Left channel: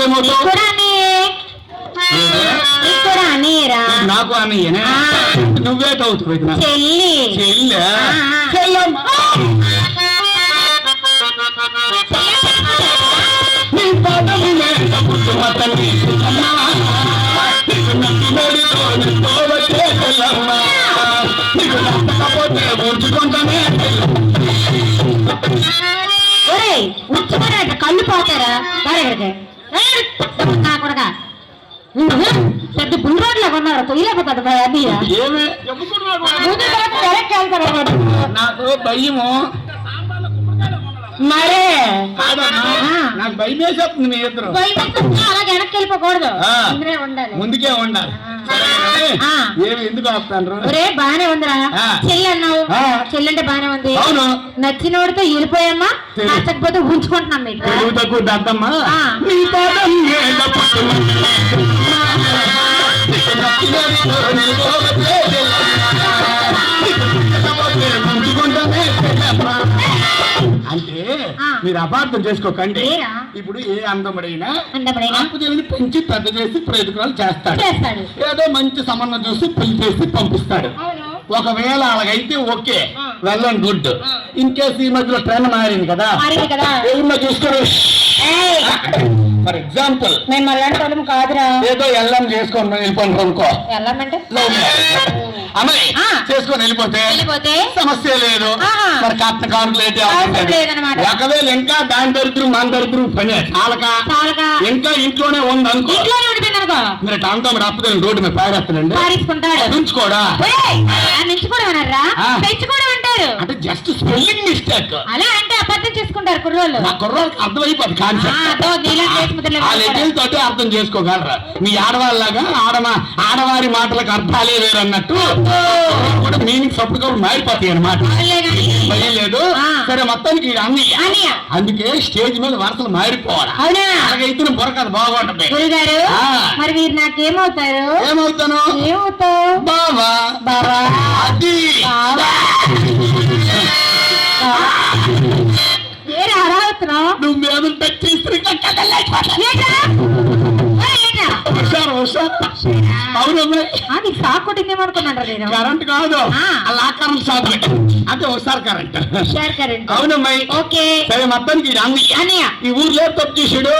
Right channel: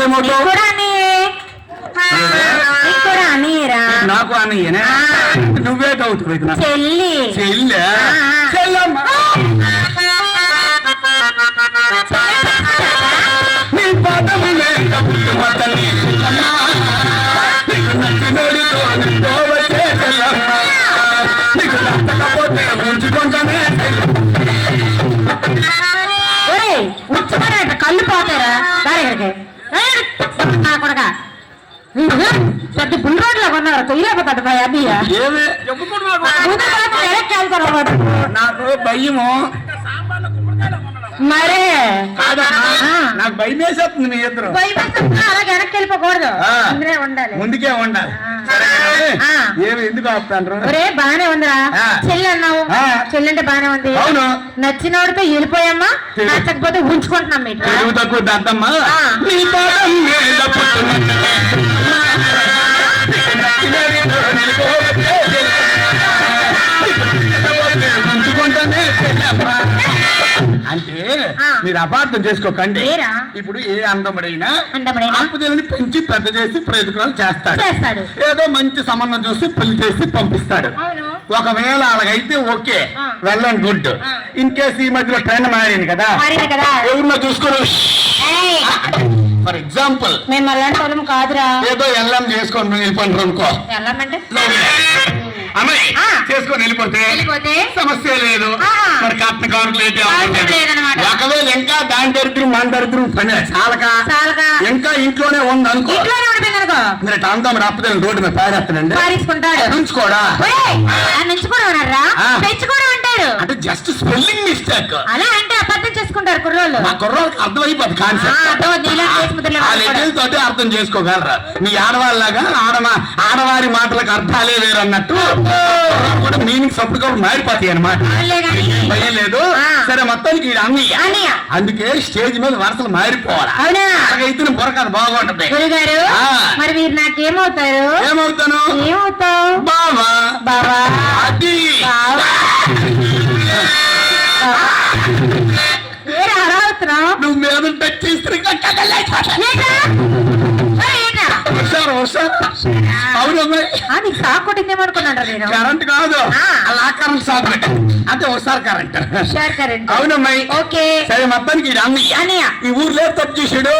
నాకేమవుతావు నీకు అన్నయ్యనే నువ్వే అవుతావు చెల్లి. చెల్లె. చెల్లమ్మ? నీ పాదము వచ్చే చెల్లమ్మ. నీకు నచ్చకపోతే ఉంచుకుంటానే. ఒరేయ్ ఉచ్చుకున్నాడు కళ్ళు పోతారా? దాని నా కొడక. పెద్ద బుల్ రోడ్లో కొన్నారు? తొయ్యలేకపోతాడు అన్నయ్య. వెళ్తారు వాడు నాకు భయము. మరే. నాకు భయం వేసేస్తుంది మీ ఇద్దరు. వెనక్కి ఉండాలి ముందుకే ఉండాలి. ఏమి ఎందుకు ఆపుతాండ్రు ఒరే బానే ఉందిరా. చెల్లి అన్నావు ఆ. చెల్లి అంటే బానే ఉంది అవును నచ్చినోడితో వెళ్ళిపోయామ్మా. నచ్చకపోతే ఉంచుకుంటున్నాం తెలుగు తక్కువ దద్దమ్మా. అంటే. మీరు అపార్థం చేసుకోకండి? ఇప్పుడు ఏ అందముడైనా? ఆపుదేవిని పెంచి పెద్ద చేసి ప్రయోజనాలు చేస్తాడు. ఏదో మంచి సంబంధం చూసి పెళ్ళి చేసి పంపిస్తాడు. ఒకవేళ అలాగైతే ఓకే. ఆ. వెళ్ళండి గుడ్. ఇన్ కేసు ఈ మధ్యలో ట్రెండ్ మారింది కదా? ఎవరినో చూసుకొని ఏయ్, ఫర్ ఎగ్జాంపుల్ మేము అలాంటి వాళ్ళం కాదురా. ఏదో ఎల్లం చేసుకొని వెళ్ళిపోండి అనుకో. అమ్మాయి ఆ. చేసుకొని వెళ్ళిపోతే సమస్య లేదు. మరి కట్న కానుకలు. ఒకవేళ ఇంకా దాని దరిద్రం మన దరిద్రం పని చాలక. ఇంకా ఇంట్లోనే ఉంది అనుకో. మీరు టాంటాం రాకపోతే రోడ్డు మీద పారేస్తానండి ఆ నుంచుకోవడం అంటారు. అంటే జస్ట్ స్పెల్లింగ్ మిస్టేక్ అలా అంటే చేసుకుంటారు కుర్రోళ్ళు. మా కుర్రోళ్ళకి అర్థమైపోద్ది కాన్సెప్ట్ తోటి అర్థం చేసుకోగలరా? మీ ఆడవాళ్ళగా ఆడమా ఆడవారి మాటలకు అర్థాలే వేరు అన్నట్టు కూడా మీనింగ్స్ అప్పటికప్పుడు మారిపోతాయి అనమాట లేదు. సరే మొత్తానికి అన్నయ్య. అందుకే స్టేజ్ మీద వరుసలు మారిపోవాలి? అలాగైతే బుర్రకథ బాగుంటది. మరి మీరు నాకేమవుతారు? ఏమవుతాను? ఏమవుతావు? బావా. బావా. అది బావా. అరావుతున్నావు నువ్వు మీద అవును నేను. కరెంట్ కాదు. అలా కరెంట్ షాక్ పెట్టు అంటే ఒకసారి కరెంట్. కరెంట్. అవునమ్మాయి ఓకే. సరే మొత్తానికి ఈ ఊర్లో తప్పు చేసాడు